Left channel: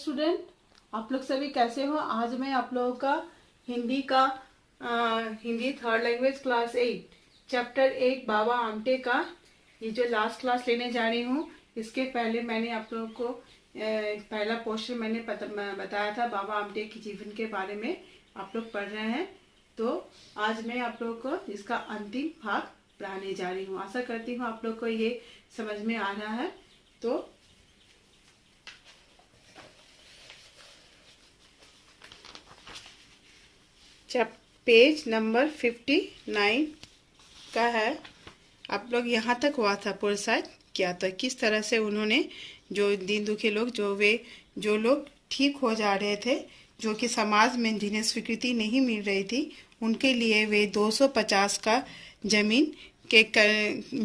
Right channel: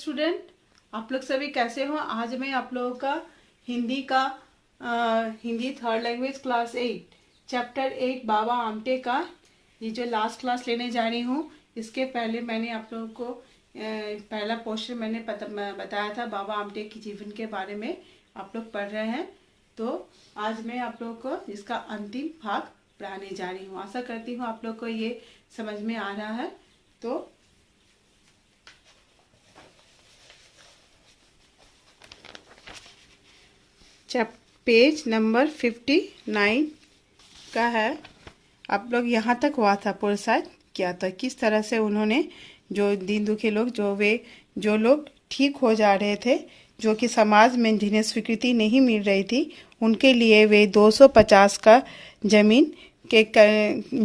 Student, आप लोग सभी कैसे हो। आज मैं आप लोगों का Hindi third language class 8 chapter 8 Baba Amte का ये जो लास्ट क्लास लेने जा रही हूँ। इसके पहले मैंने आप लोगों को पहला पोर्शन मैंने बताया था बाबा आमटे के जीवन के बारे में। आप लोग पढ़ रहे हैं, तो आज मैं आप लोगों को इसका अंतिम भाग पढ़ाने जा रही हूँ। आशा करती हूँ आप लोग को ये समझ में आ रहा है। तो पेज नंबर 59 का है। आप लोग यहाँ तक हुआ था, पुरस्कार किया था किस तरह से उन्होंने जो दीन दुखी लोग जो लोग ठीक हो जा रहे थे, जो कि समाज में जिन्हें स्वीकृति नहीं मिल रही थी, उनके लिए वे 250 का जमीन के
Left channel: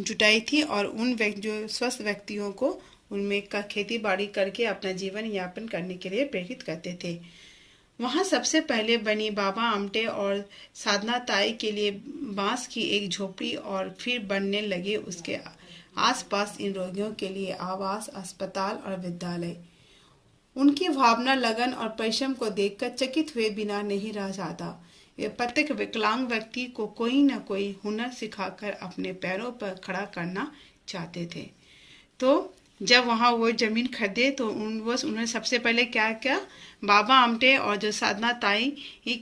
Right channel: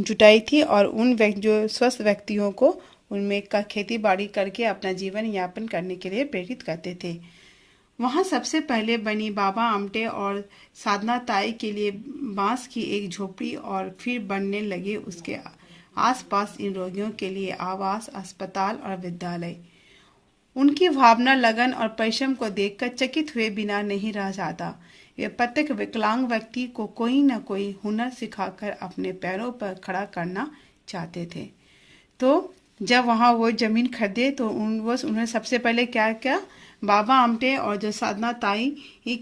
जुटाई थी और उन जो स्वस्थ व्यक्तियों को उनमें का खेती बाड़ी करके अपना जीवन यापन करने के लिए प्रेरित करते थे। वहां सबसे पहले बनी बाबा आमटे और साधना ताई के लिए बांस की एक झोपड़ी और फिर बनने लगे उसके आसपास इन रोगियों के लिए आवास, अस्पताल और विद्यालय। उनकी भावना, लगन और परिश्रम को देखकर चकित हुए बिना नहीं रह जाता। वे प्रत्येक विकलांग व्यक्ति को कोई न कोई हुनर सिखाकर अपने पैरों पर खड़ा करना चाहते थे। तो जब वहां वो जमीन खरीदे तो उन्होंने सबसे पहले क्या किया, बाबा आमटे और जो साधना ताई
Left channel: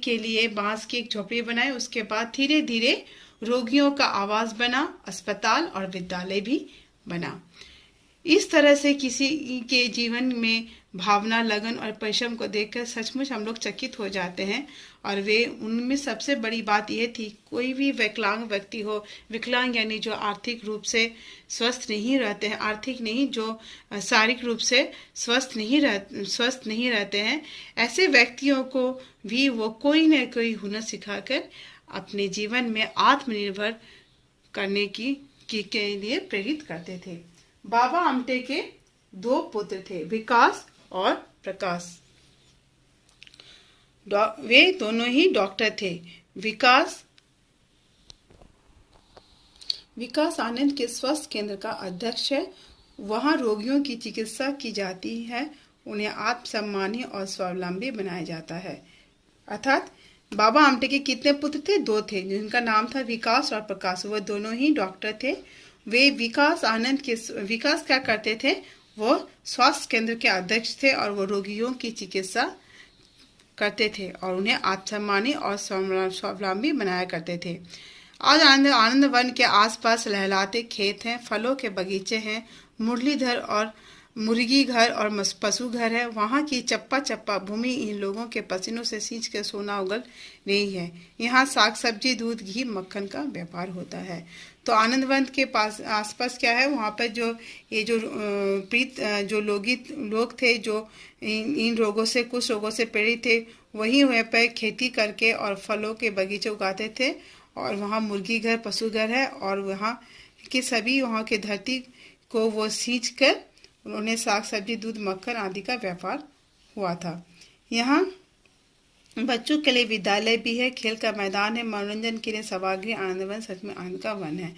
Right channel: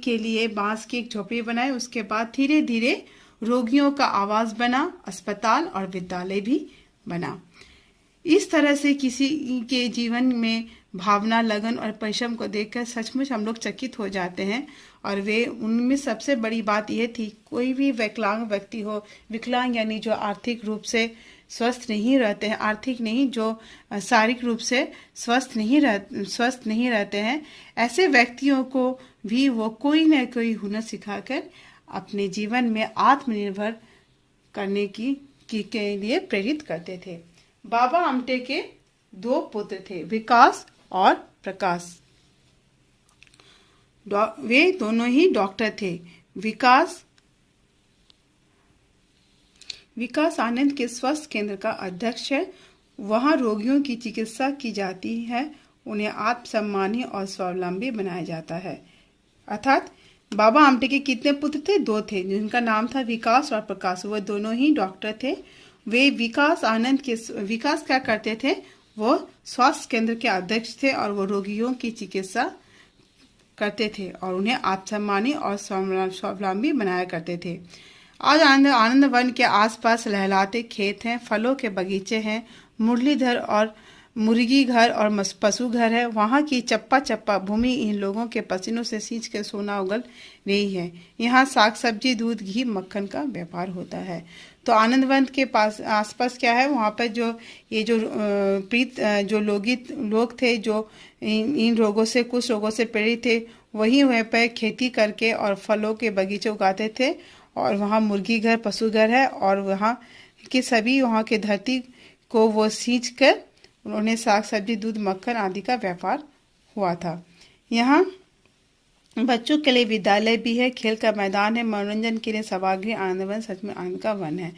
के लिए बांस की एक झोपड़ी बनाई। उसके बाद धीरे धीरे रोगियों का आवास बना, अस्पताल और विद्यालय भी बना। इस तरह से किसी के जीवन में भावना, लगन और परिश्रम को देखकर सचमुच हम लोग चकित हो जाते हैं। और वे उनमें सबसे बड़ी बात यह थी, कोई भी विकलांग व्यक्ति हो, विकलांग यानी जो आर्थिक रूप से स्वस्थ नहीं रहते हैं, आर्थिक नहीं, जो शारीरिक रूप से स्वस्थ नहीं रहते हैं, ऐसे व्यक्तियों को भी वो कोई न कोई हुनर सिखाकर अपने जीवन में आत्मनिर्भर करने के लिए प्रेरित करते थे। बाबा आमटे के 2 पुत्र थे, विकास और प्रकाश। वे दोनों ही डॉक्टर थे। विकास आनंद के स्वास्थ्य केंद्र का अध्यक्ष है। वहां रोगियों की चिकित्सा की जाती है, उन्हें आत्मसम्मानी और स्वावलंबी बनाया जाता है। अर्थात बाबा आमटे के कितने पुत्र थे? 2 थे, जिनका नाम था विकास और प्रकाश। वो दोनों ही डॉक्टर थे। वे विकास क्या करते थे? वो स्वास्थ्य केंद्र के अध्यक्ष थे और वो रोगियों की चिकित्सा करते थे और उन्हें आत्मसम्मानी और स्वावलंबी बनाया करते थे। आज आनंद वन के आसपास लहलाते खेत हैं, फलों के बगीचे हैं, मुर्गी घर और पशु घर है। वहाँ की चप्पा भूमि इन लोगों के पसीनों से सींच कर सोना उगल रही है। यहाँ साग सब्जी, दूध, घी, मक्खन का व्यापार होता है। तो आनंदवन के पास आसपास क्या है, वहाँ पर जो लोग थे, जो इन रोगों से, कुछ रोगों से पीड़ित थे, वही वहाँ पर खेती करके और फलों के बगीचे उगाते थे। और वहाँ मुर्गी घर, पशु घर है और वहाँ की धरती को वो सींच कर उन्होंने साग सब्जी, दूध, मक्खन आदि का व्यापार हुआ था। यहाँ बच्चों के लिए विद्यालय भी है, खेल का मैदान है, मनोरंजन के लिए सभागृह। आनंदवन सच में आनंद का वन है।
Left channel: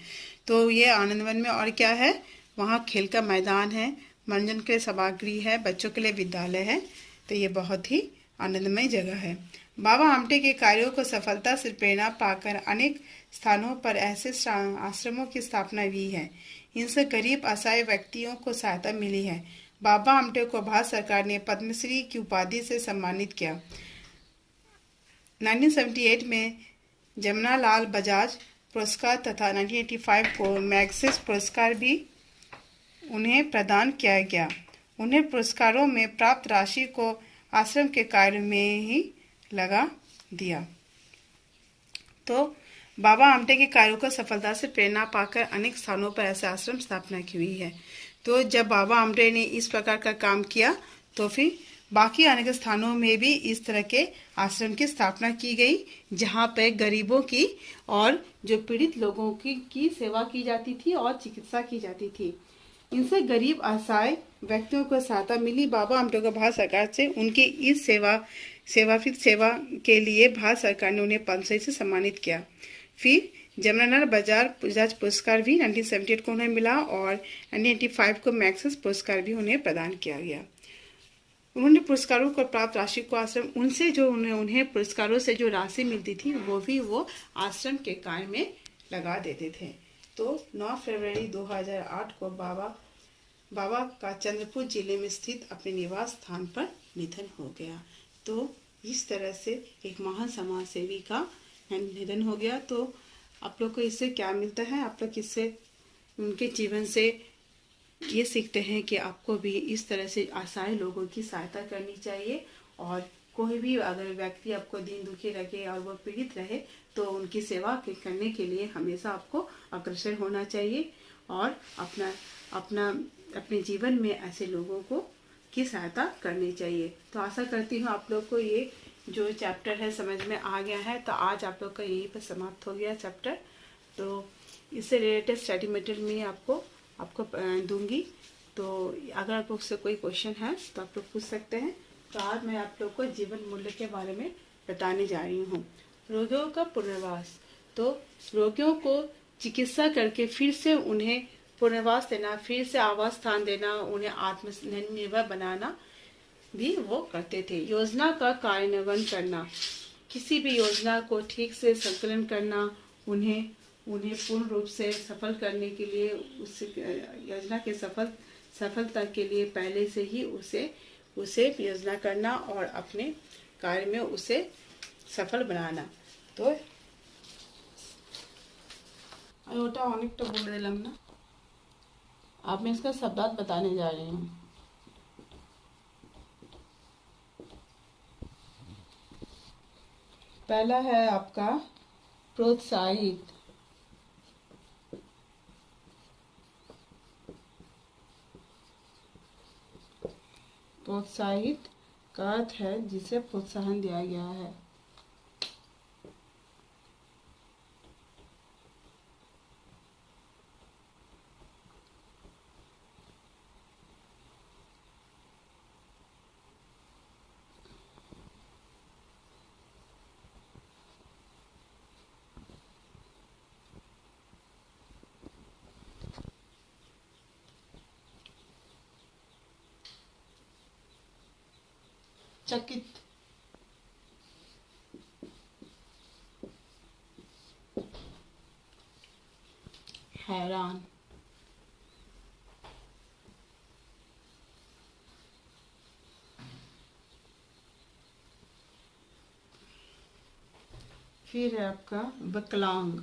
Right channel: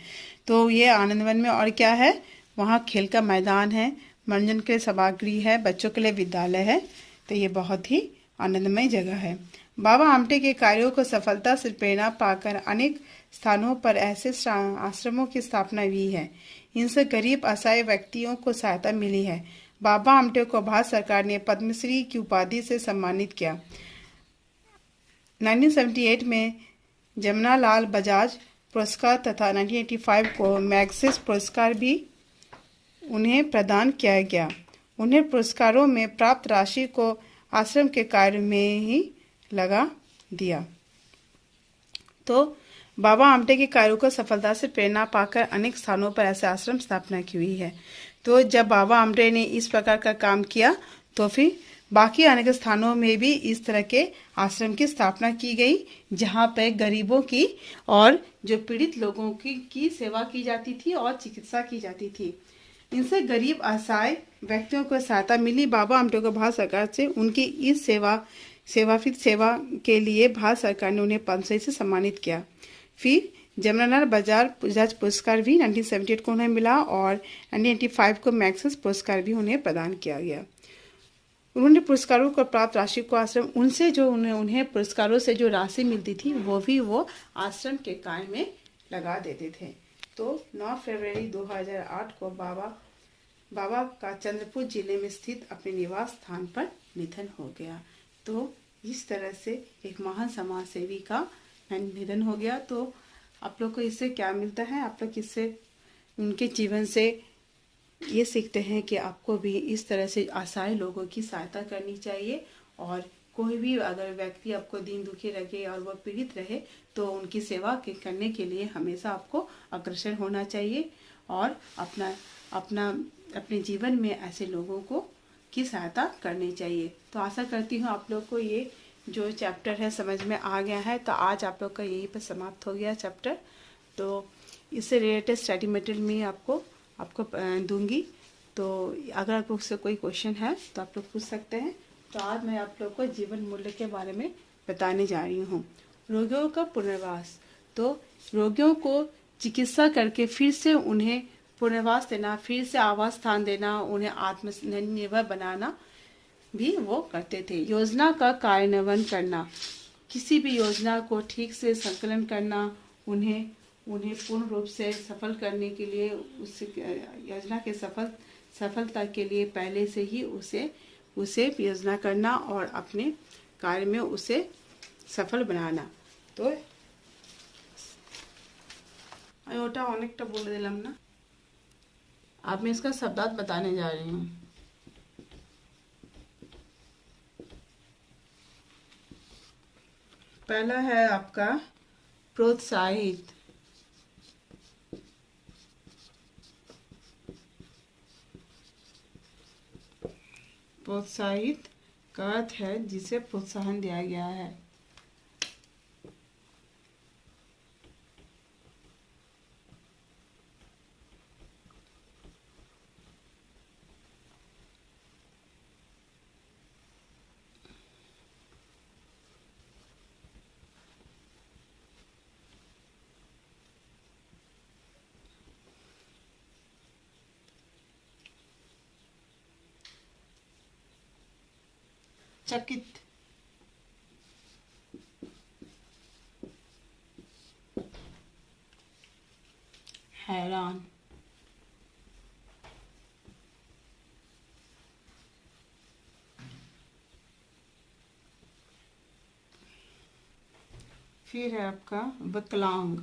तो ये आनंदवन में और क्या है, वहाँ खेल का मैदान है, मनोरंजन के लिए सभागृह है, बच्चों के लिए विद्यालय है। तो ये बहुत ही आनंदमय जगह है। बाबा आमटे के कार्यों को सफलता से प्रेरणा पाकर अनेक स्थानों पर ऐसे आश्रमों की स्थापना हुई है। इनसे गरीब असहाय व्यक्तियों को सहायता मिली है। बाबा आमटे को भारत सरकार ने पद्मश्री की उपाधि से सम्मानित किया। 1978 में जमनालाल बजाज पुरस्कार तथा 1985 को मैग्सेस पुरस्कार भी उन्हें प्रदान किया गया। उन्हें पुरस्कारों में प्राप्त राशि को आश्रम के कार्य में ही लगा दिया। तो बाबा आमटे के कार्यों को सफलता से प्रेरणा पाकर अनेक स्थानों पर ऐसे आश्रम स्थापना की हुई है। तो जब बाबा आमटे ने इस प्रकार का काम किया तो फिर बाकी अनेक स्थानों में भी इस तरह के आश्रम की स्थापना की गई, जहाँ पर गरीबों की और जो पीड़ित लोगों की सेवा की जाती थी और चिकित्सा की जाती थी। इनसे गरीब असहाय व्यक्तियों को सहायता मिली। बाबा आमटे को भारत सरकार से उनकी इस सेवा के लिए भारत सरकार ने उन्हें पद्मश्री से सम्मानित किया। फिर जमनालाल बजाज पुरस्कार भी 1978 को उन्हें मिला और 1985 को मैग्सेस पुरस्कार भी उन्हें प्रदान किया गया। उन्होंने पुरस्कारों को प्राप्त राशि को आश्रम उनसे जो उन्हें पुरस्कारों से जो राशि मिलती थी वो भी वो आश्रम के कार्य में लगा देते थे। तो 9 फरवरी 2008 को बाबा का चंद्रपुर जिले में स्थित अपने निवास स्थान पर निधन हो गया। तो इस तरह से एक महान समाज सेवी का निधन हो गया। तो आप लोग को इससे क्या मिलता है? आप लोग इससे उनके जीवन से ये सीखते हैं कि आपको भी इस तरह से असहाय लोगों की सहायता करनी चाहिए, और कोई भी अगर व्यक्ति आपको दीन दुखी लगे और वो पीड़ित रहे तो उनकी सेवा करने के लिए हमेशा आपको अग्रसर होना चाहिए, और अपने जीवन में ऐसे लोगों को की सहायता करनी चाहिए। तो आशा करती हूँ आप लोग को ये जो चैप्टर है समझ में आ गया है। तो आज आप लोग का यही पर समाप्त हो गया चैप्टर। तो इससे रिलेटेड स्टडी मटेरियल में आपको दूंगी। तो अगर आप लोग से कोई क्वेश्चन है तो आप लोग पूछ सकते हैं। तो आज मैं आप लोग को जीवन मूल्य के बारे में बताने जा रही हूँ। रोगियों का पुनर्वास। तो रोगियों को चिकित्सा करके फिर से उन्हें पुनर्वास देना, फिर से आवास स्थान देना, उन्हें आत्मनिर्भर बनाना भी वो करते थे। योजना का कार्यान्वयन करना, किसी भी योजना को ठीक से संकलन करना, उन्हें पूर्ण रूप से सफल करने के लिए उस योजना के सफलता के लिए पहले से ही उसे योजना करना और अपने कार्य में उसे सफल बनाना। तो ओटा अनेकटा बोल दिलाम ना। अब मैं इसका शब्दार्थ बताने जा रही हूँ। पहला है आपका प्रोत्साहित। प्रोत्साहित का अर्थ है जिसे प्रोत्साहन दिया गया है। चकित, हैरान, फिर है आपका विकलांग।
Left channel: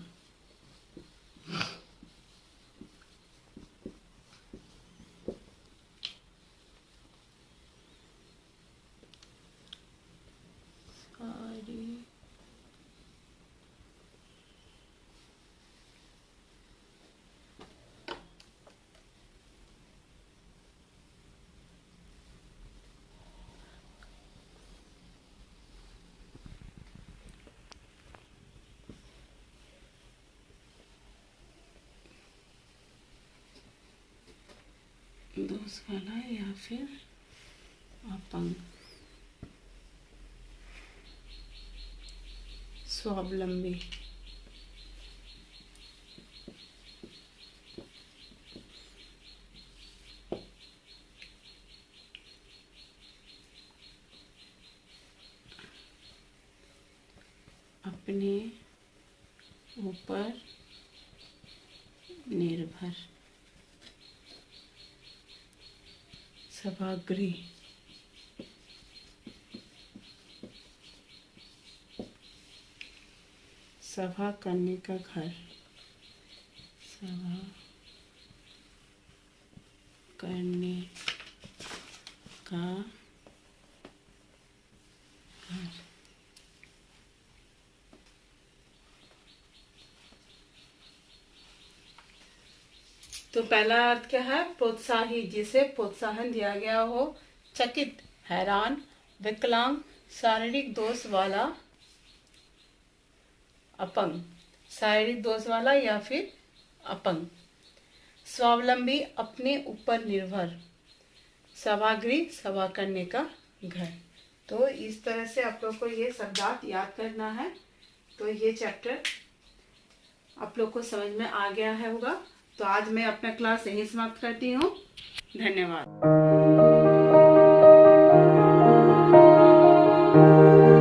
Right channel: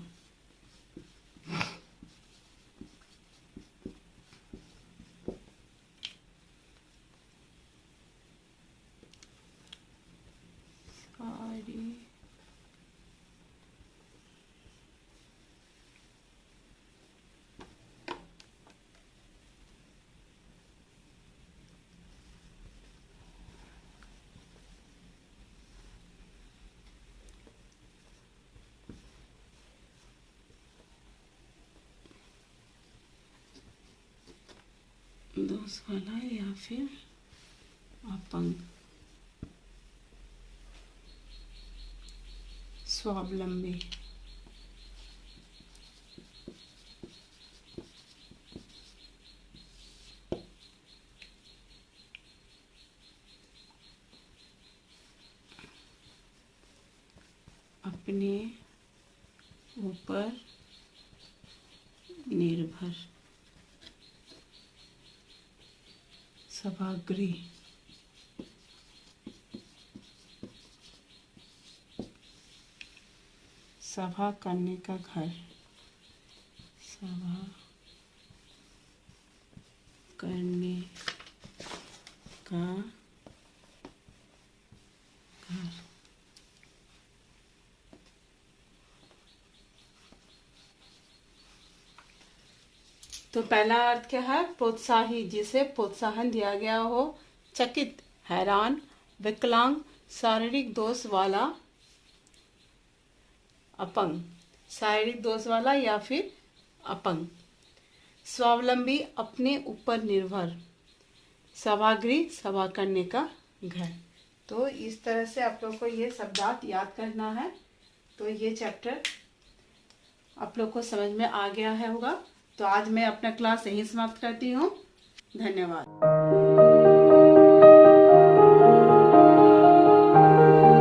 दोष वाला या फिर अपंग। स्वावलंबी, अपने ऊपर निर्भर। सभागृह, सभा करने का घर। सभा करने का घर। तो पहला अर्थ क्या है? प्रोत्साही, जिसे प्रोत्साहन दिया गया हो। चकित, हैरान। विकलांग, शारीरिक दोष वाला। अपंग, शारीरिक दोष वाला या फिर अपंग। स्वावलंबी, अपने ऊपर निर्भर। सभागृह, सभा करने का घर। तो इस तरह से आप लोग को ये शब्दार्थ याद करना है। तो ये चैप्टर आप लोग को समझ में आ गया है होगा। तो आज मैं अपना क्लास यहीं समाप्त करती हूँ। धन्यवाद।